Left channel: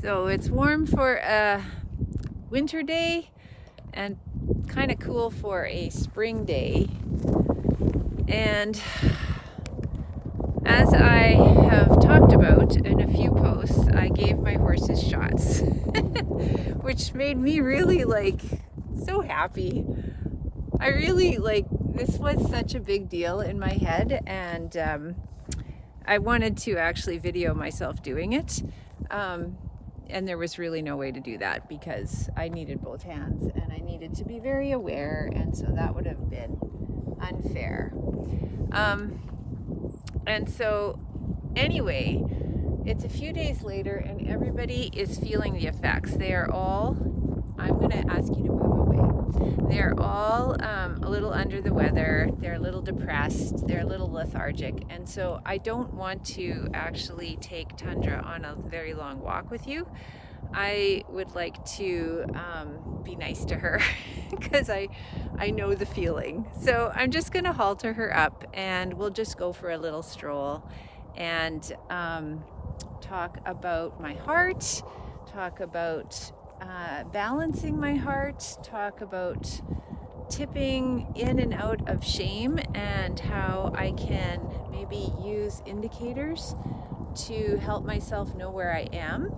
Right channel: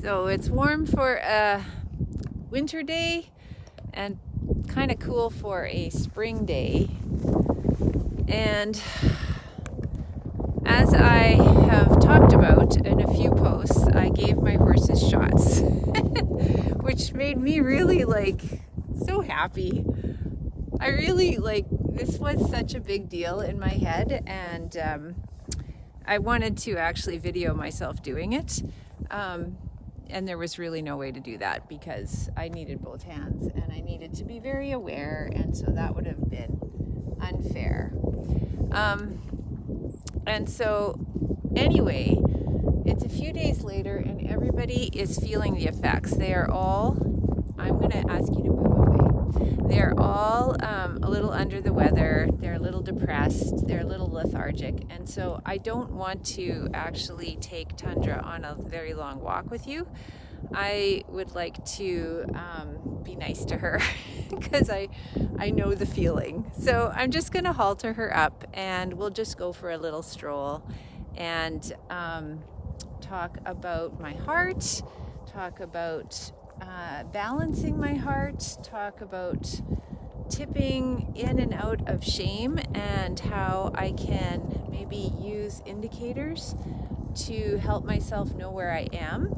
So it's warm for a winter day and kind of cool for a spring day. And as I have talked about in a few posts, I gave my horses shots, which made me really so happy. I really this was such a big deal in my head, and I wanted to actually video myself doing it. And there was really no way to do that because I needed both hands and I needed to be very aware, and so that would have been unfair. And so anyway, it's a few days later and everybody is feeling the effects. They are all, I'm going to ask you to move away. They're all a little under the weather. They're a little depressed. They're a little lethargic. And so I don't want to actually take Tundra on a very long walk with you. I would like to be nice to her because I know the feeling. So I'm just going to halter her up and we'll just go for a little stroll and talk about my heart, talk about balancing my heart, talk about tipping in and out of shame and how I can maybe use indicators to help myself know where I am.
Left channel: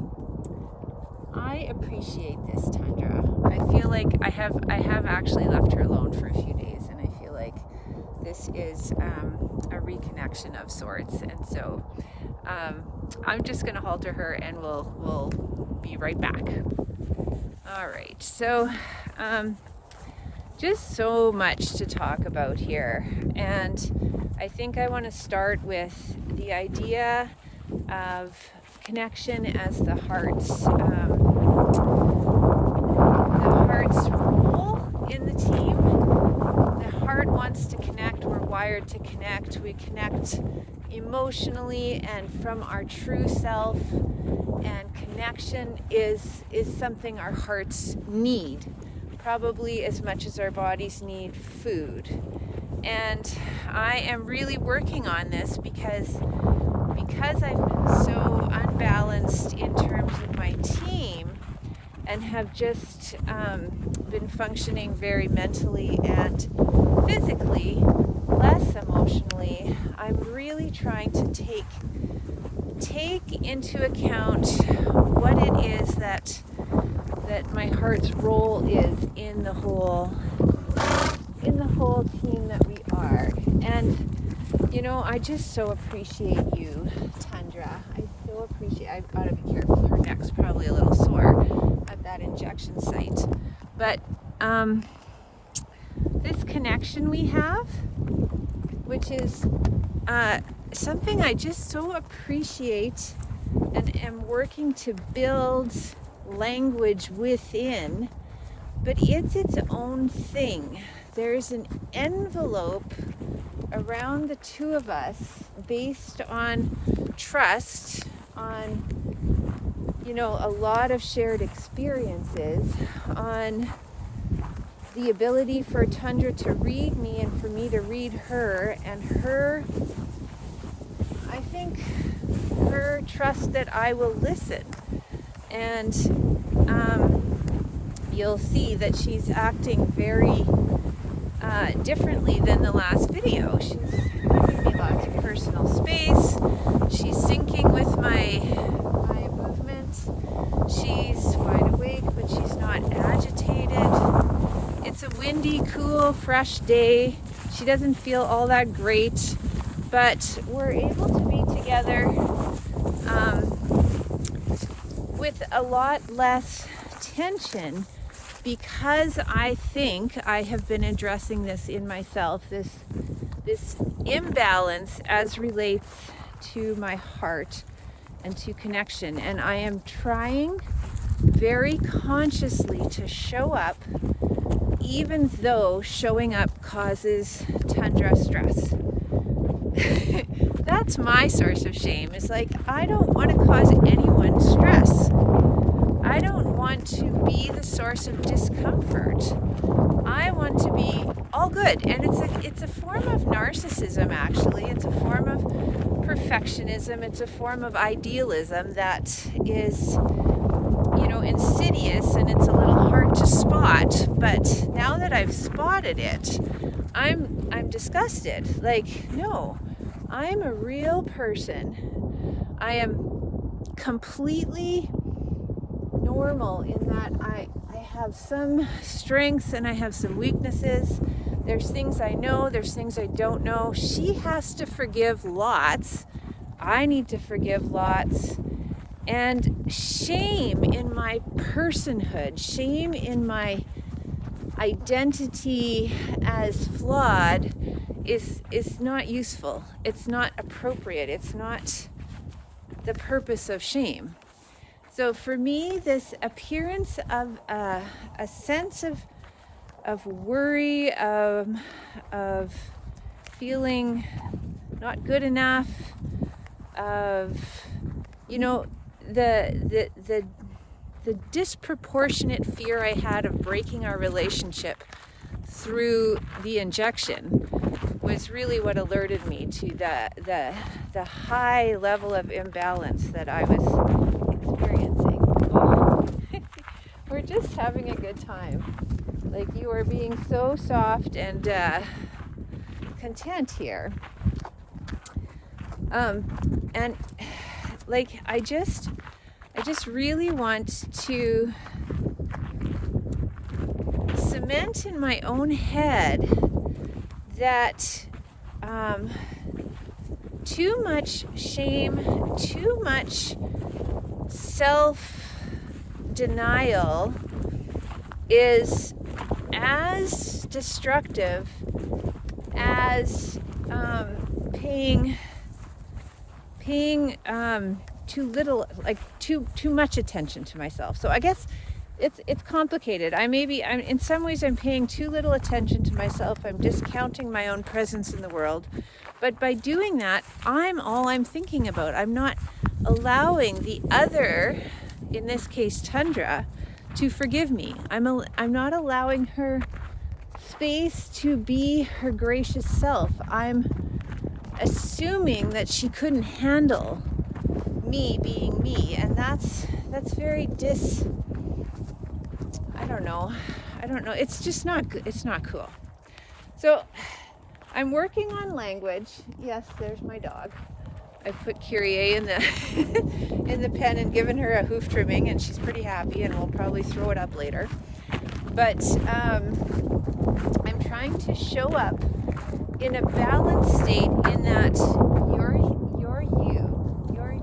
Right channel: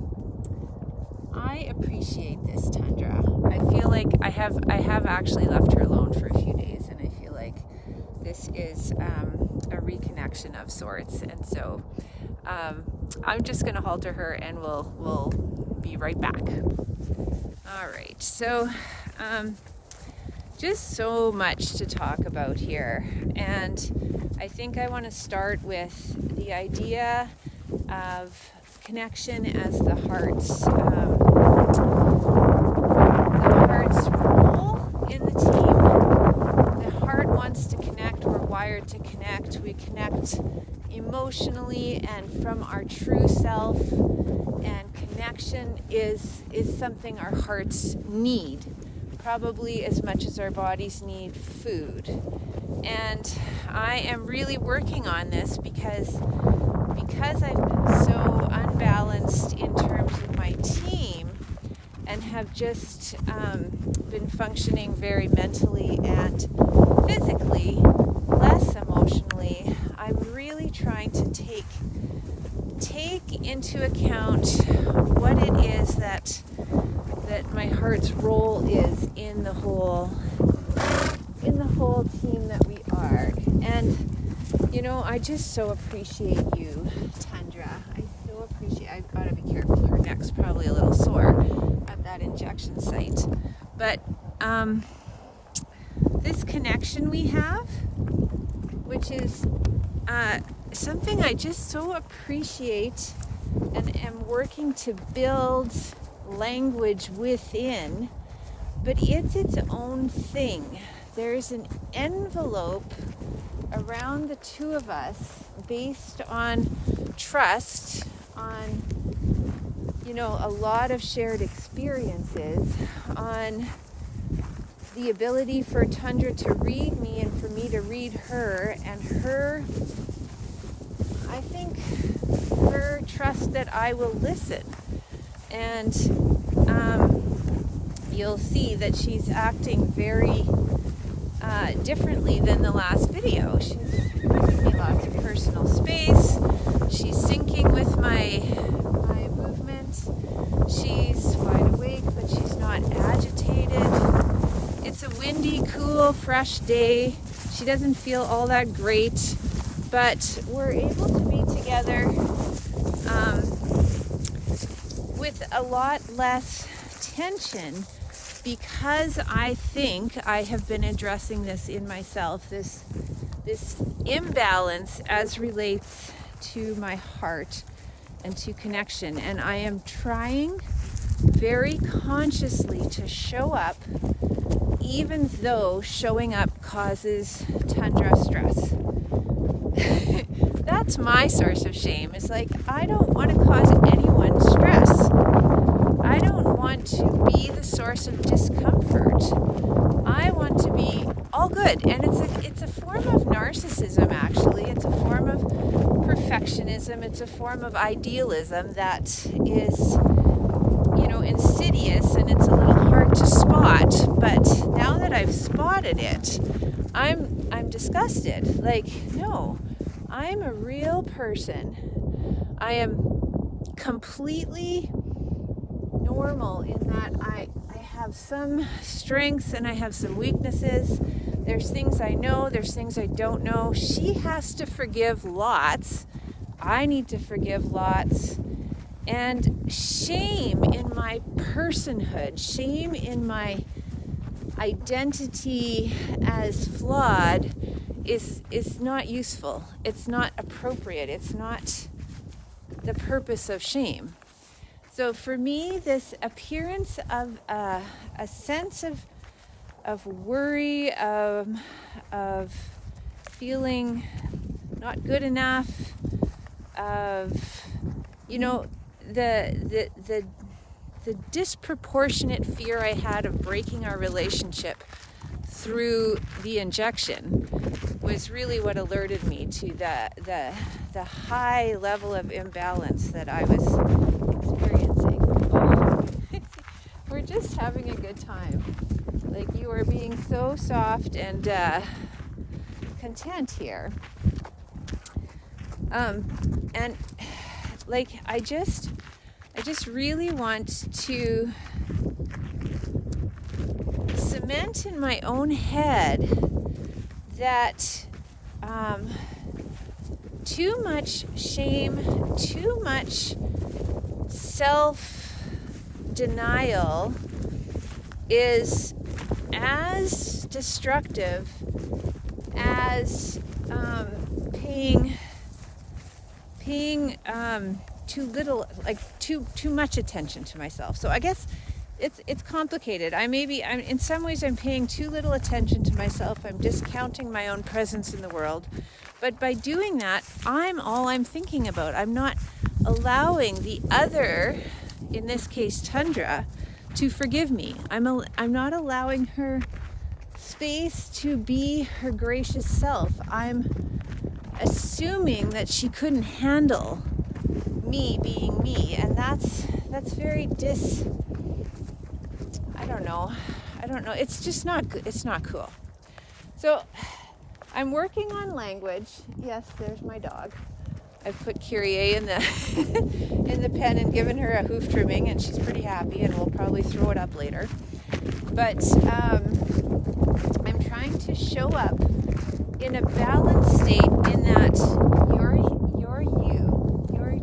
I appreciate this, Tundra. I feel like I have actually left her alone for a few days, and I feel like this is a reconnection of sorts. And so I'm just going to halter her, and we'll be right back. All right. So just so much to talk about here, and I think I want to start with the idea of connection as the heart's role in the team. The heart wants to connect. We're wired to connect. We connect emotionally and from our true self, and connection is something our hearts need, probably as much as our bodies need food. And I am really working on this because I've been so unbalanced in terms of my team and have just been functioning very mentally and physically, less emotionally. I'm really trying to take into account what it is that my heart's role is in the whole team that we are. And you know, I just so appreciate you, Tundra. I so appreciate. I've got to be careful. Her neck's probably a little sore at that injection site. But this connection we have, which is something I just so appreciate and am working to build language within, but it's its own thing. There's an envelope around the two of us based on trust, on, you know, a lot of shared experiences, on the ability for Tundra to read me and for me to read her, and her, I think, her trust that I will listen. And you'll see that she's acting very differently than the last video. She's giving me lots of personal space. She's syncing with my movement. She's wide awake, but she's not agitated. It's a windy, cool, fresh day. She doesn't feel all that great, but we're able to be together with a lot less tension, because I think I have been addressing this in myself, this imbalance as relates to my heart and to connection. And I am trying very consciously to show up, even though showing up causes Tundra stress. That's my source of shame. It's like, I don't want to cause anyone stress. I don't want to be the source of discomfort. I want to be all good. And it's a form of narcissism, actually. It's a form of perfectionism. It's a form of idealism that is insidious and it's a little hard to spot. But now that I've spotted it, I'm disgusted. Like, no, I'm a real person. I am completely normal in that I have some strengths and I have some weaknesses. There's things I know, there's things I don't know. She has to forgive lots. I need to forgive lots. And shame in my personhood, shame in my identity as flawed is not useful. It's not appropriate. It's not the purpose of shame. So for me, this appearance of a sense of worry, of feeling not good enough, of, you know, the disproportionate fear I had of breaking our relationship through the injection was really what alerted me to the high level of imbalance that I was experiencing. Oh. We're just having a good time. Like, you are being so soft and content here. And like, I just really want to cement in my own head that too much shame, too much self-denial is as destructive as paying too little, like too much attention to myself. So I guess it's complicated. I'm in some ways I'm paying too little attention to myself. I'm discounting my own presence in the world. But by doing that, all I'm thinking about. I'm not allowing the other, in this case Tundra, to forgive me. I'm not allowing her space to be her gracious self. I'm assuming that she couldn't handle me being me, and that's very I don't know. It's just not good. It's not cool. So I'm working on language. Yes, there's my dog. I've put Kyrie in the in the pen and given her a hoof trimming, and she's pretty happy, and we'll probably throw it up later. But I'm trying to show up in a balanced state in that you're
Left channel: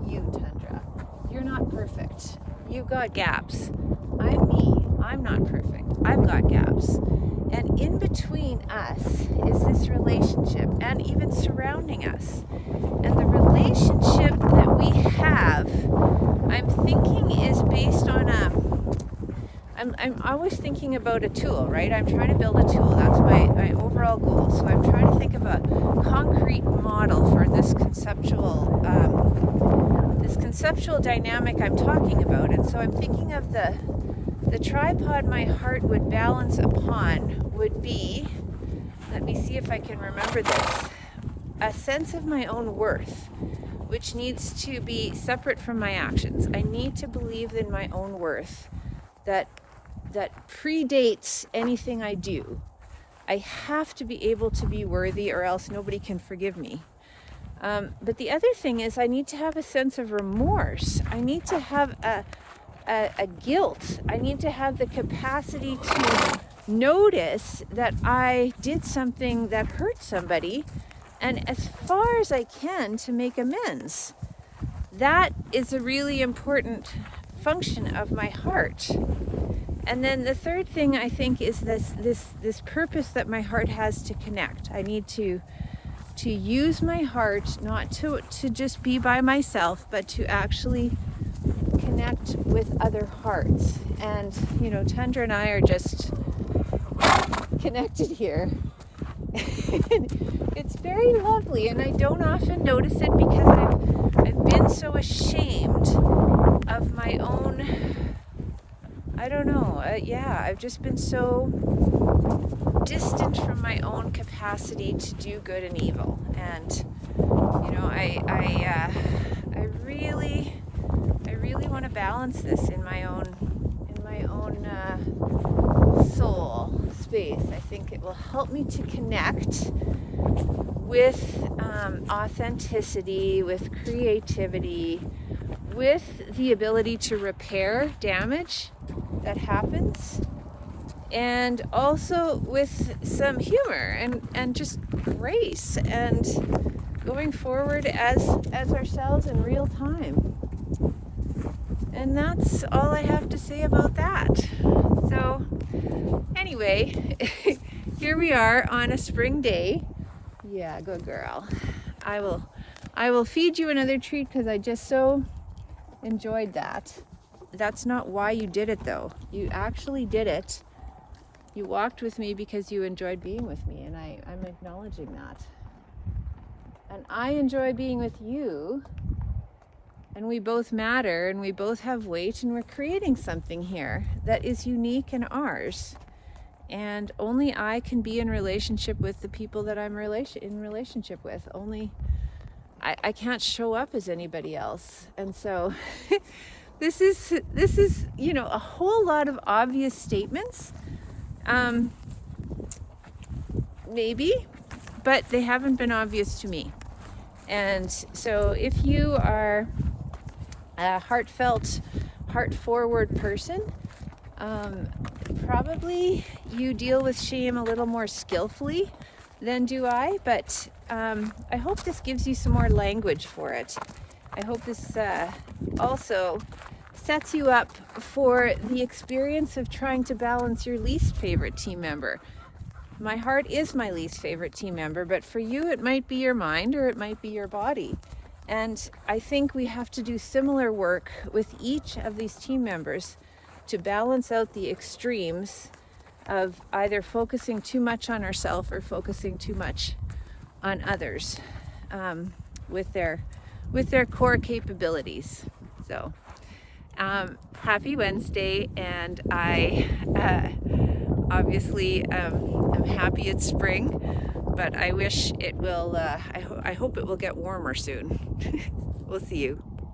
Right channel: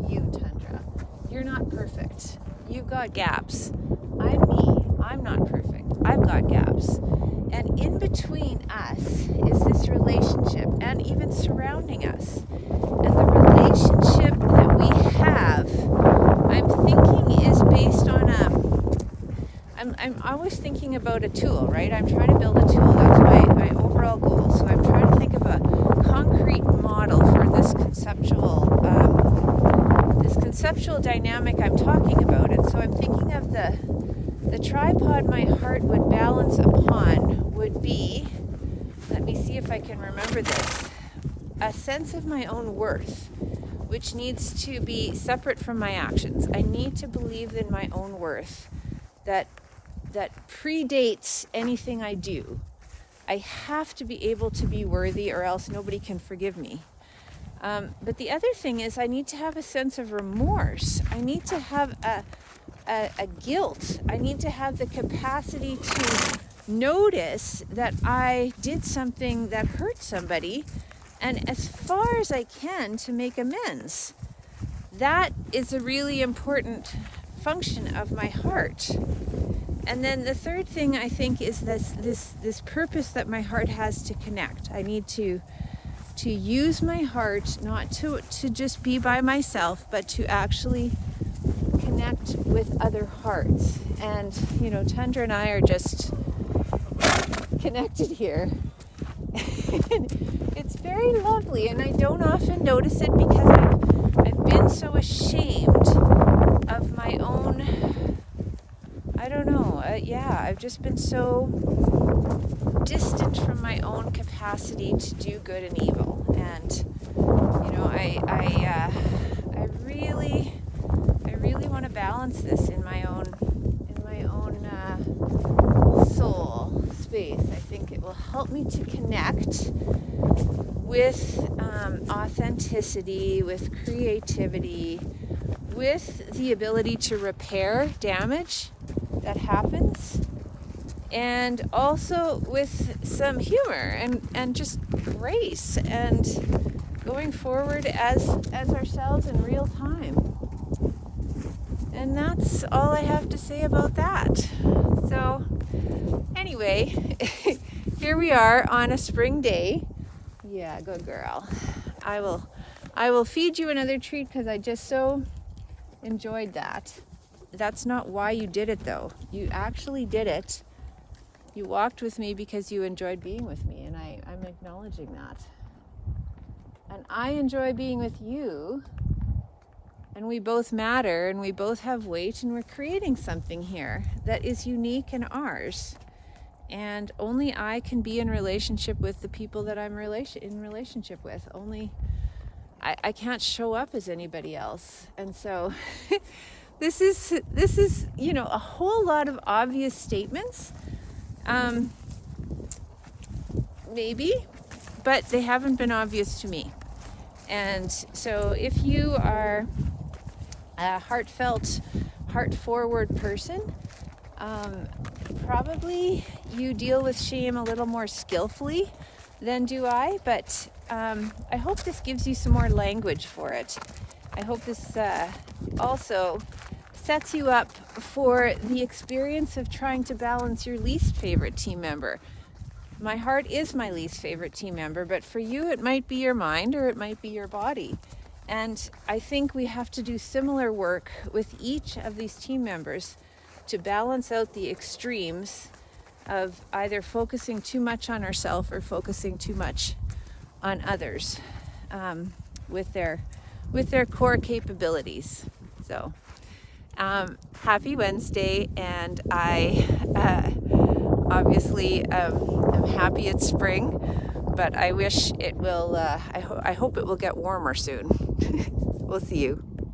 you, Tundra. You're not perfect. You've got gaps. I'm me. I'm not perfect. I've got gaps. And in between us is this relationship, and even surrounding us. And the relationship that we have, I'm thinking, is based on I'm always thinking about a tool, right? I'm trying to build a tool. That's my overall goal. So I'm trying to think of a concrete model for this conceptual dynamic I'm talking about. And so I'm thinking of the tripod my heart would balance upon would be, let me see if I can remember this, a sense of my own worth, which needs to be separate from my actions. I need to believe in my own worth that predates anything I do. I have to be able to be worthy, or else nobody can forgive me. But the other thing is, I need to have a sense of remorse. I need to have a guilt. I need to have the capacity to notice that I did something that hurt somebody, and as far as I can, to make amends. That is a really important function of my heart. And then the third thing, I think, is this purpose that my heart has to connect. I need to use my heart not to just be by myself, but to actually connect with other hearts. And, you know, Tundra and I are just connected here. It's very lovely, and I don't often notice it because I've been so ashamed of my own, I don't know, I've just been so distant from my own capacity to do good and evil. And, you know, I really want to balance this in my own soul space. I think it will help me to connect with authenticity, with creativity, with the ability to repair damage that happens, and also with some humor and just grace and going forward as ourselves in real time. And that's all I have to say about that. So anyway, here we are on a spring day. Yeah, good girl. I will feed you another treat because I just so enjoyed that. That's not why you did it though. You actually did it. You walked with me because you enjoyed being with me, and I'm acknowledging that. And I enjoy being with you, and we both matter, and we both have weight, and we're creating something here that is unique and ours. And only I can be in relationship with the people that I'm in relationship with. Only I can't show up as anybody else. And so this is a whole lot of obvious statements. Maybe, but they haven't been obvious to me. And so if you are a heartfelt, heart-forward person, probably you deal with shame a little more skillfully than do I, but I hope this gives you some more language for it. I hope this also sets you up for the experience of trying to balance your least favorite team member. My heart is my least favorite team member, but for you it might be your mind or it might be your body. And I think we have to do similar work with each of these team members to balance out the extremes of either focusing too much on ourselves or focusing too much on others with their core capabilities. So happy Wednesday, and I obviously am happy it's spring, but I wish it will, I hope it will get warmer soon. We'll see you.